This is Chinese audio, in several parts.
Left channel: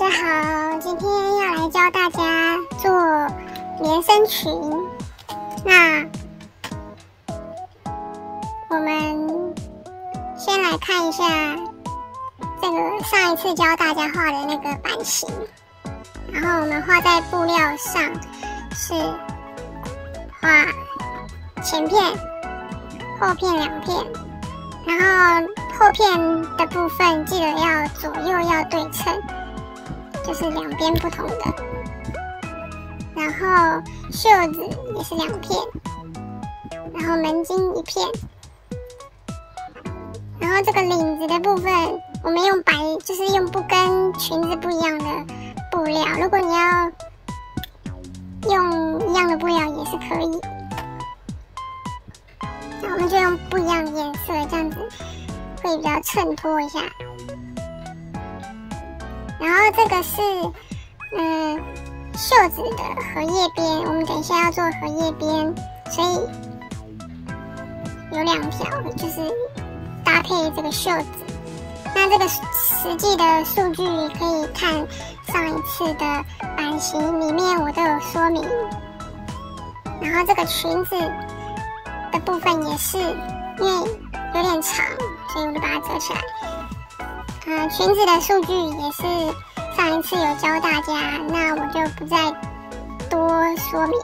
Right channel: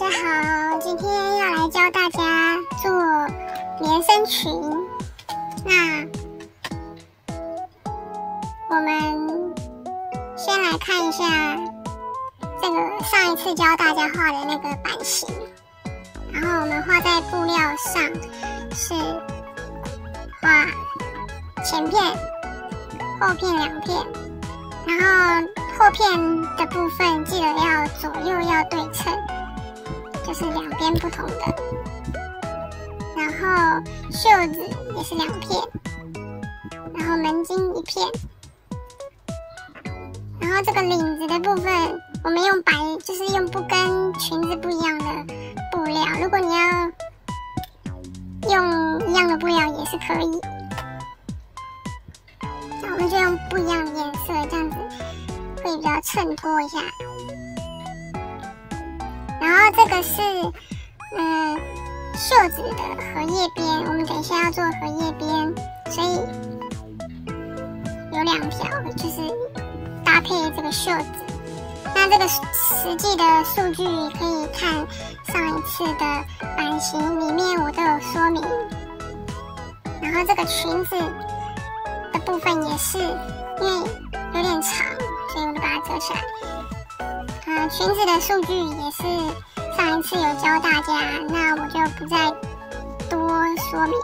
家好，今天要来教大家做连身裙。那我们先来看一下这个上一次教大家画的那个版型，然后我们画在布料上是画前片、后片两片，然后后片的部分记得要左右要对称，就是两边不同的。然后袖子也是两片，然后门襟一片。然后这个领子的部分，我们用就是用不跟裙子不一样的布料。如果你要用一样的布料也是可以。那我们就用不一样的颜色，这样子会比较衬托一下。然后这个是袖子的荷叶边，我们等一下要做荷叶边，所以有两条，就是搭配这个袖子。那这个实际的数据可以看上一次的版型里面我都有说明。然后这个裙子的部分也是，因为有点长，所以我就把它折起来。裙子的数据也是上一次有教大家，那我就不再多说明。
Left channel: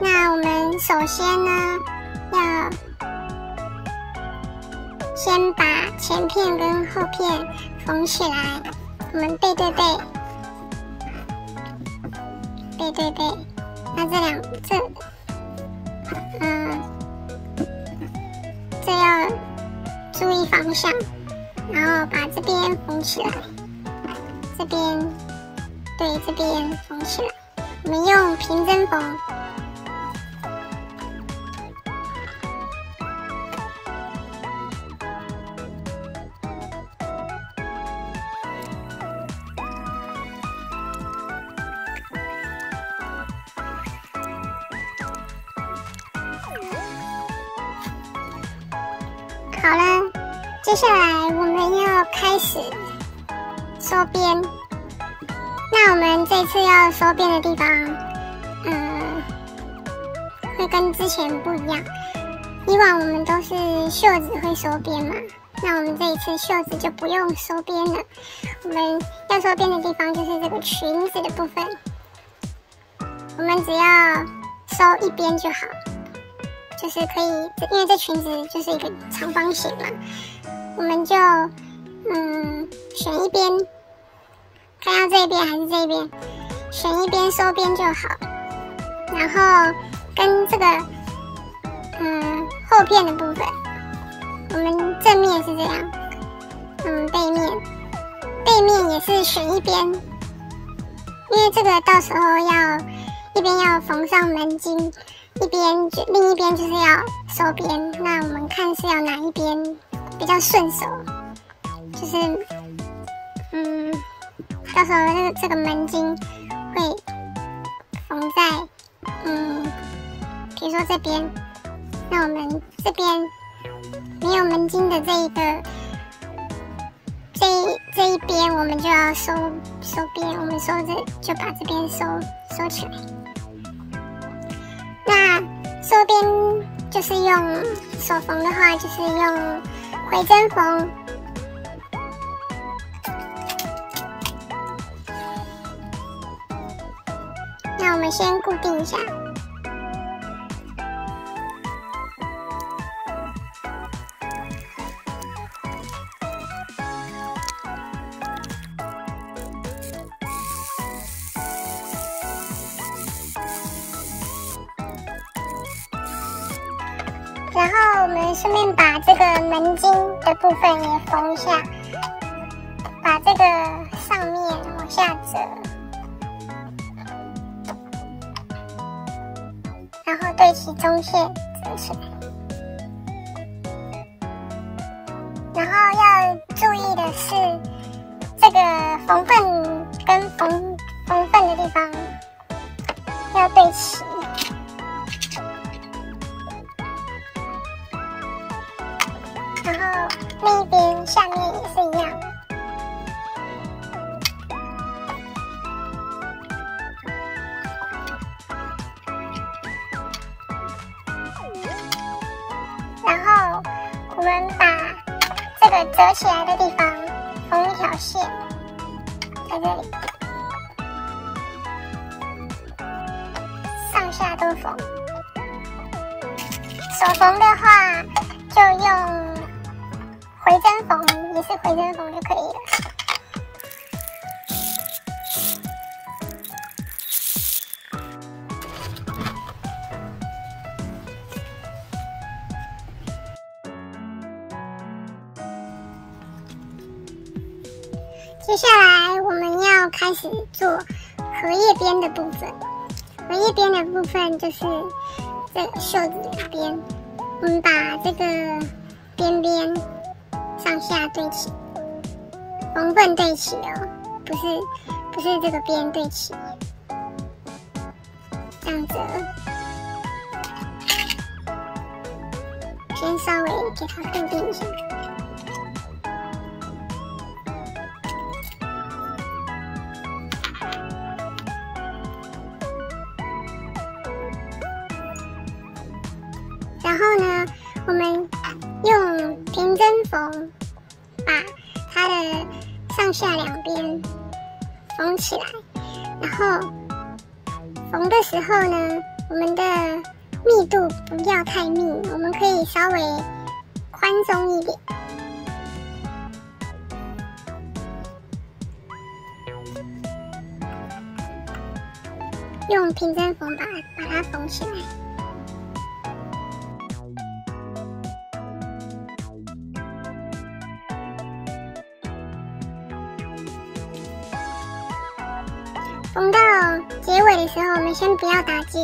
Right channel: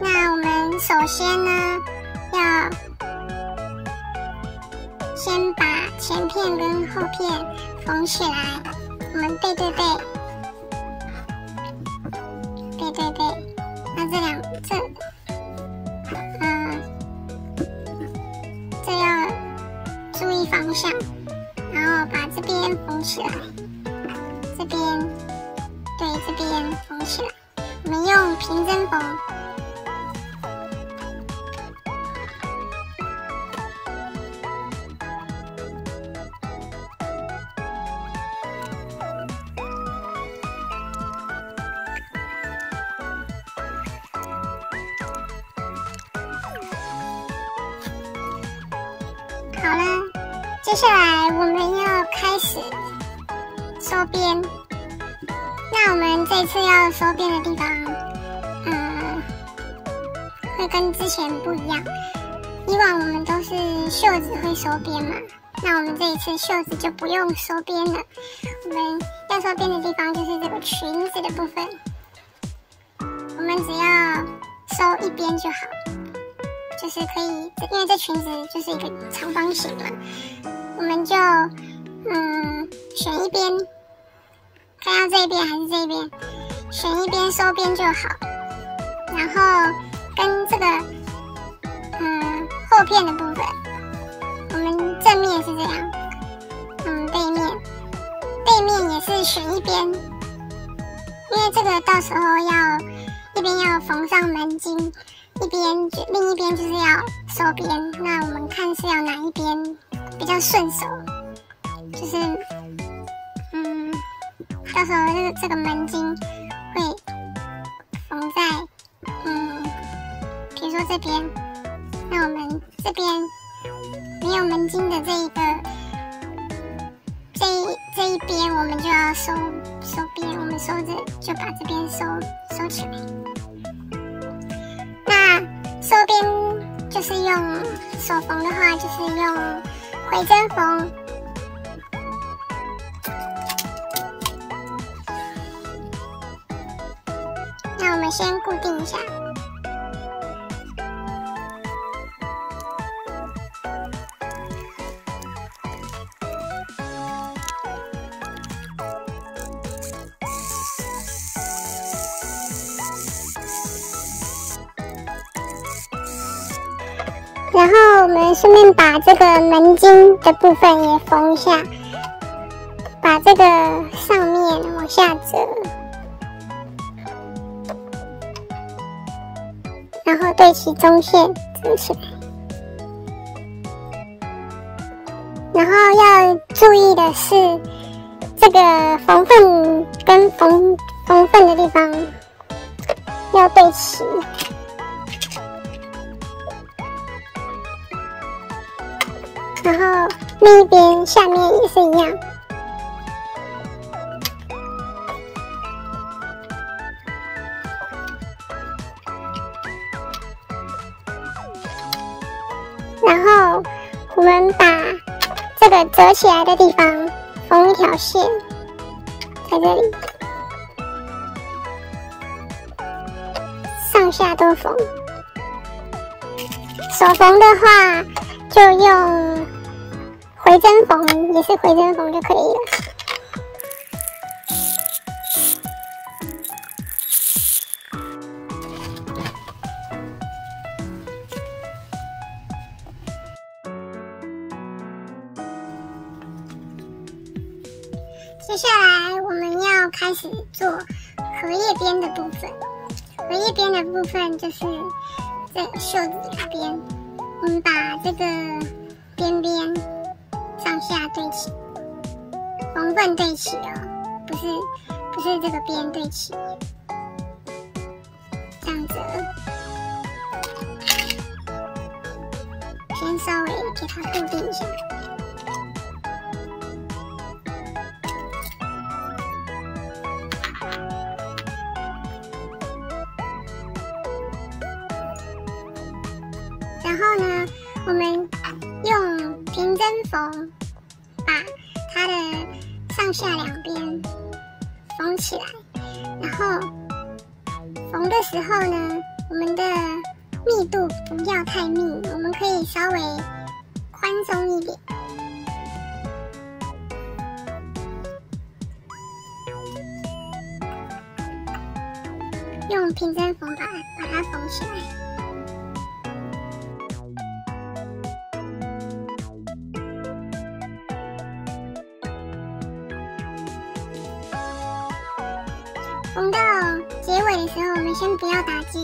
那我们首先呢，要先把前片跟后片缝起来，我们背对背，背对背。那这要注意方向，然后把这边缝起来，这边对这边缝起来。我们用平针缝。好了，接下来我们要开始收边。那我们这次要收边的地方，会跟之前不一样。以往我们都是袖子会收边嘛，那我们这一次袖子就不用收边了。我们要收边的地方就是这个裙子的部分，我们只要收一边就好。就是可以，因为这裙子就是一个长方形嘛，我们就选一边，看要这一边还是这一边，选一边收边就好。然后跟这个后片的部分，我们正面是这样，背面也是选一边，因为这个到时候一边要缝上门襟。另一边就是要收边，那我们看是要哪一边比较顺手，就是到时候这个门襟会缝在比如说这边，那我们这边没有门襟的这一边，我们就要收边，我们就把这边收起来。那收边就是用手缝的话，就是用回针缝。那我们先固定一下。然后我们顺便把这个门襟的部分也缝一下，把这个上面往下折，然后对齐中线折起来。然后要注意的是，这个缝缝跟缝缝的地方要对齐。然后另一边下面也是一样。然后我们把这个折起来的地方缝一条线，在这里上下都缝。手缝的话就用回针缝，也是回针缝就可以了。接下来我们要开始做荷叶边的部分。荷叶边的部分就是这个袖子两边，我们把这个边边上下对齐，缝份对齐哦，不是这个边对齐，这样子，先稍微给它固定一下。然后呢，我们用平针缝把它的上下两边缝起来。然后缝的时候呢，我们的密度不要太密，我们可以稍微宽松一点。用平针缝把它缝起来。缝到结尾的时候，我们先不要打结，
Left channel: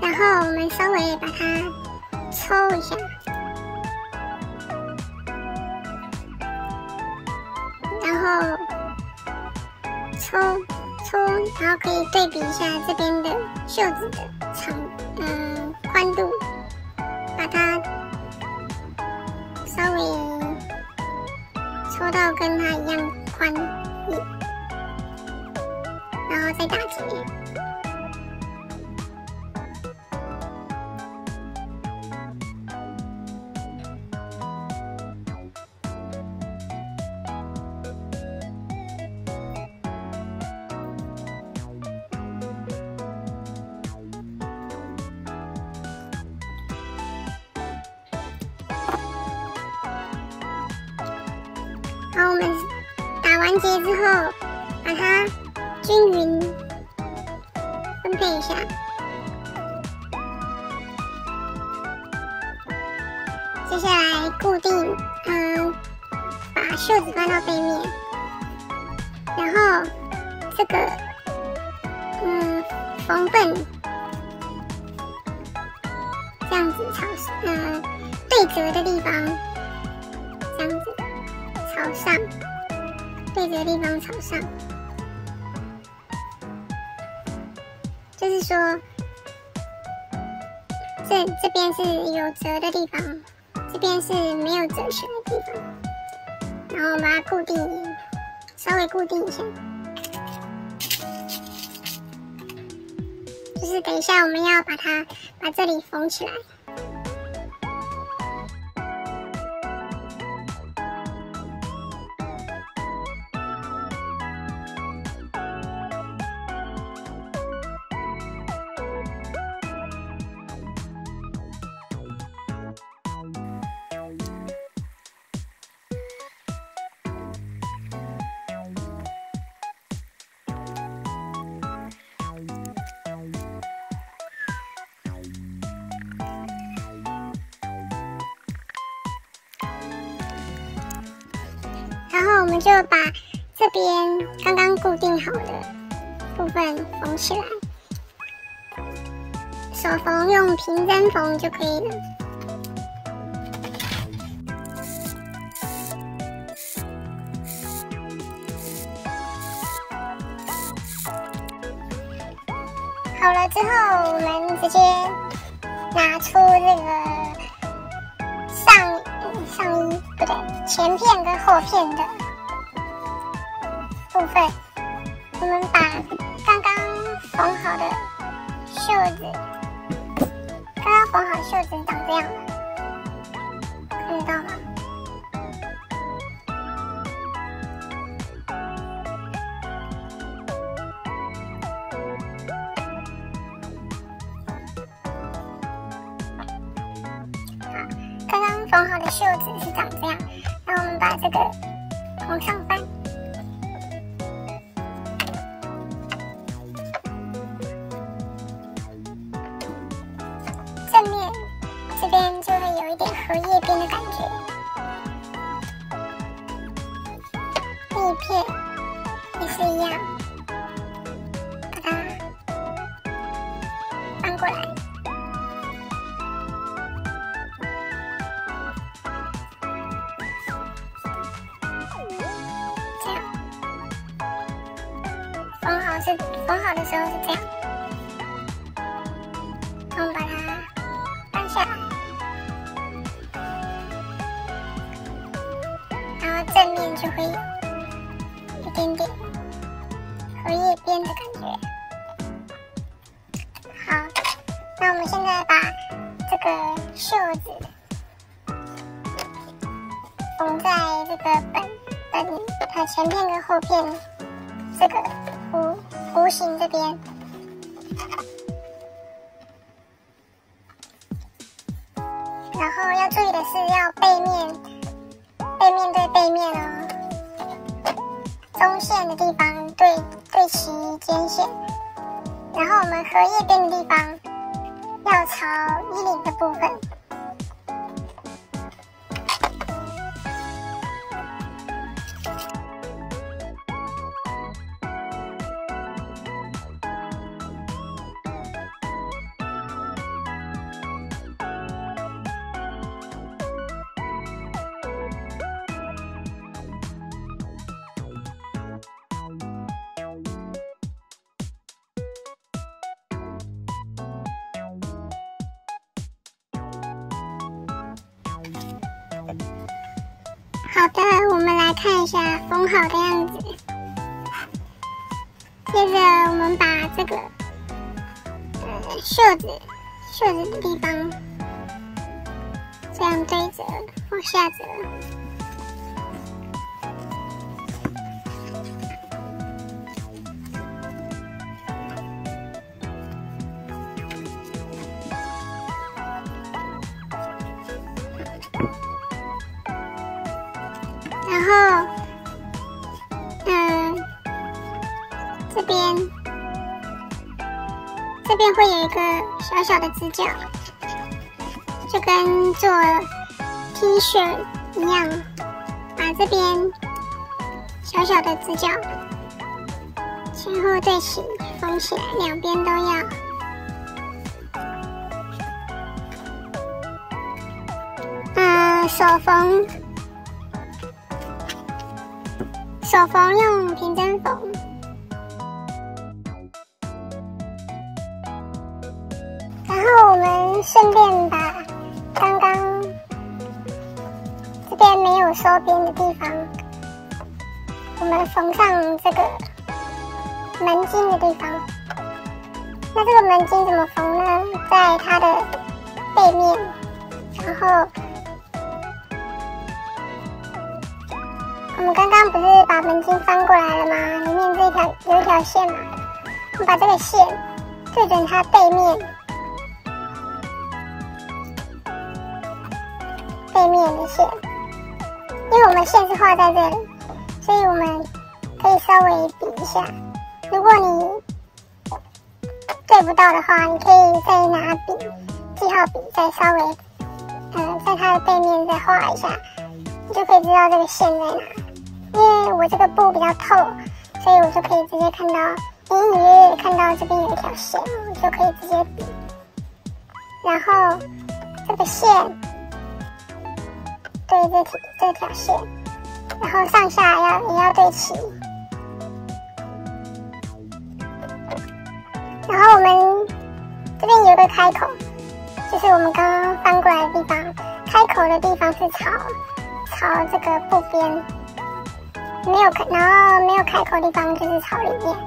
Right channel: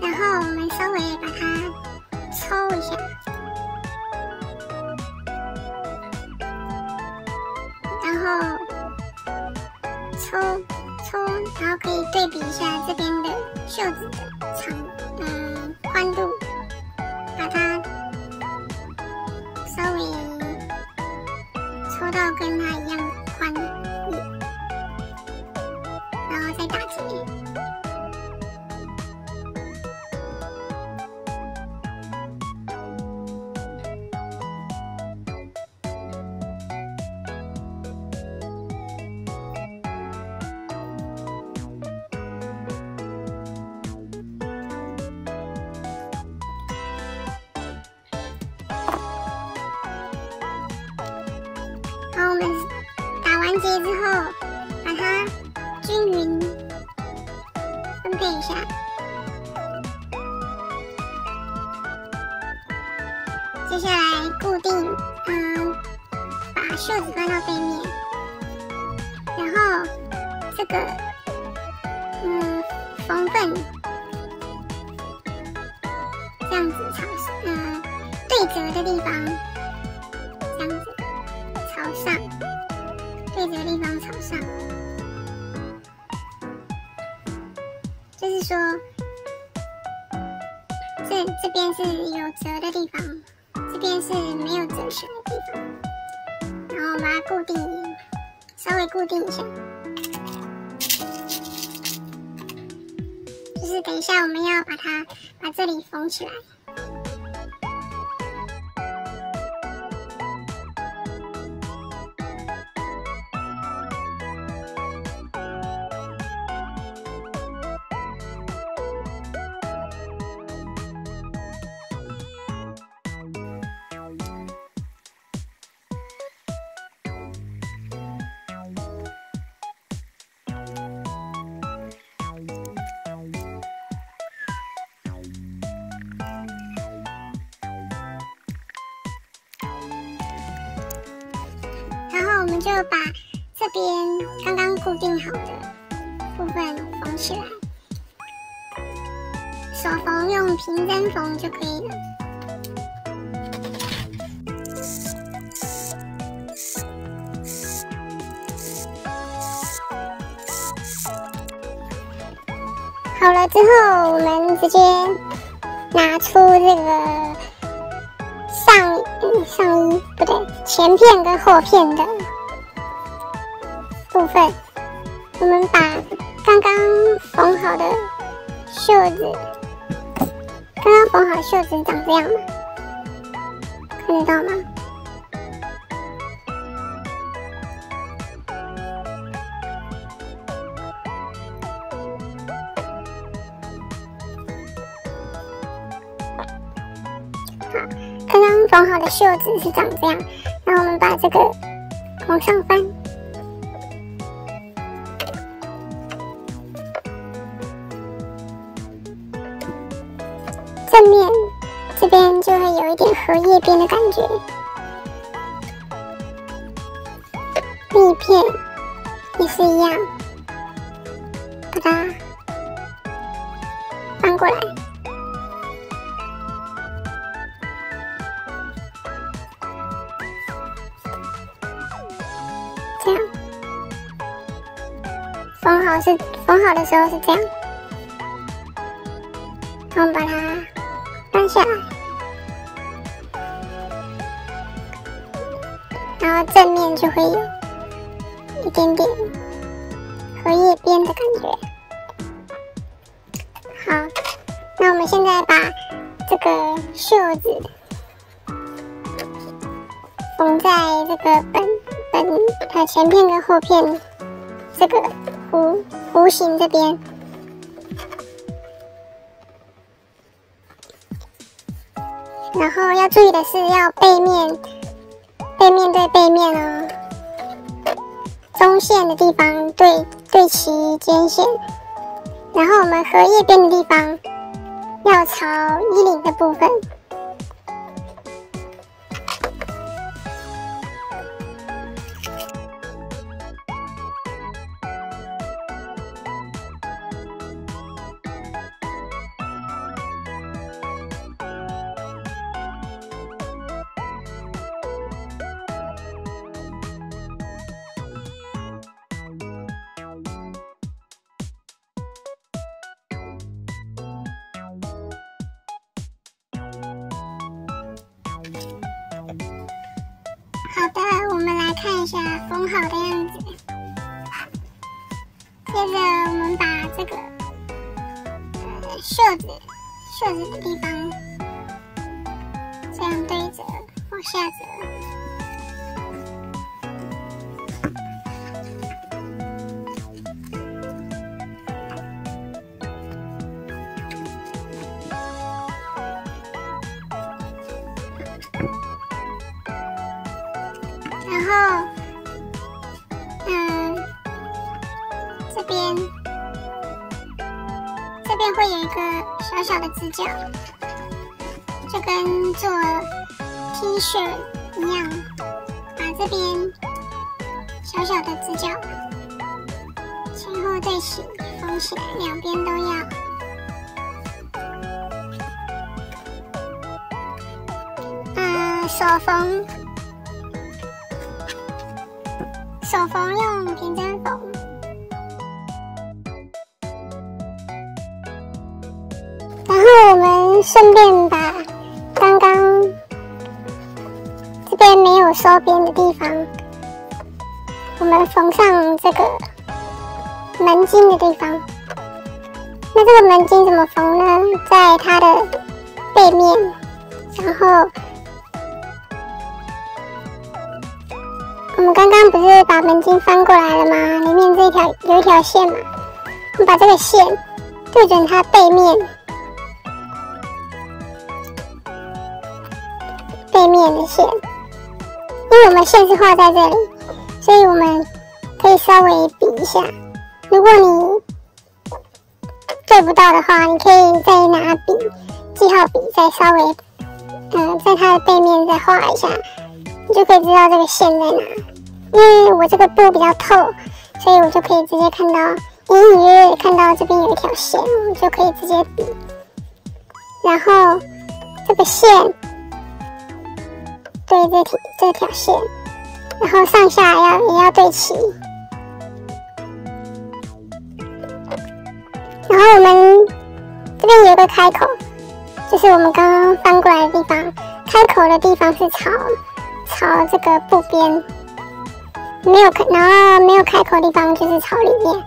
然后我们稍微把它抽一下，然后抽，然后可以对比一下这边的袖子的宽度，把它稍微抽到跟它一样宽。再打结，好，我们打完结之后，把它均匀分配一下，接下来固定，把袖子放到背面，然后这个缝份这样子对折的地方，这样子朝上，对折的地方朝上。就是说，这边是有折的地方，这边是没有折起来的地方，然后把它固定，稍微固定一下。就是等一下我们要把这里缝起来。然后我们就把这边刚刚固定好的部分缝起来，手缝用平针缝就可以了。好了之后，我们直接拿出这个上衣不对，前片跟后片的部分，我们把刚刚缝好的袖子，长这样吗？看得到吗？刚刚缝好的袖子是长这样，那我们把这个往上翻，正面这边就会有一点荷叶边的感觉，另一片也是一样，把它翻过来。这样，缝好的时候是这样，然后把它翻下来，然后正面就会有一点点荷叶边的感觉。好，那我们现在把这个袖子缝在这个它前片跟后片这个弧形这边，然后要注意的是要背面对背面哦，中线的地方对齐肩线，然后我们荷叶边的地方要朝衣领的部分。好的，我们来看一下缝好的样子。接着我们把这个袖子的地方这样对折，往下折。然后，这边会有一个小小的直角，就跟做 T 恤一样，把这边小小的直角前后对齐，缝起来，两边都要。手缝用平针缝，然后我们顺便把刚刚这边没有收边的地方，我们缝上这个门襟的地方。那这个门襟怎么缝呢？在它的背面，然后我们刚刚不是把门襟翻过来了吗？里面有一条线嘛，我们把这个线对准它背面的线，因为我们线是画在这里，所以我们可以稍微比一下。如果你对不到的话，你可以再拿记号笔再稍微在它的背面再画一下，你就可以知道这个线在哪。因为我这个布比较透，所以我就可以直接看到，隐隐约约看到这边有一条线，我就可以直接比。然后这个线对这条线，然后上下也要对齐。然后我们这边有一个开口，就是我们刚刚翻过来的地方，开口的地方是朝这个布边，然后没有开口的地方就是朝里面。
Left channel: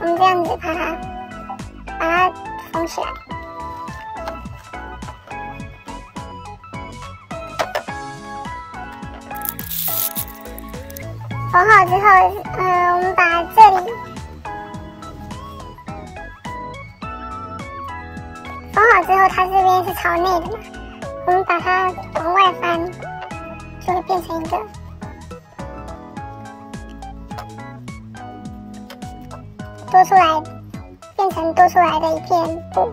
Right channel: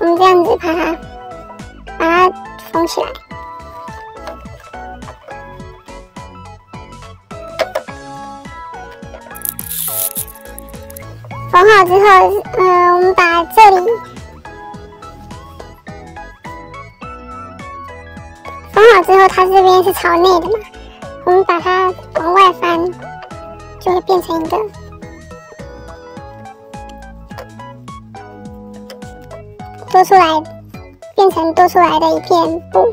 我们这样子把它缝起来。缝好之后，我们把这里缝好之后，它这边是朝内的嘛，我们把它往外翻，就会变成一个变成多出来的一片布。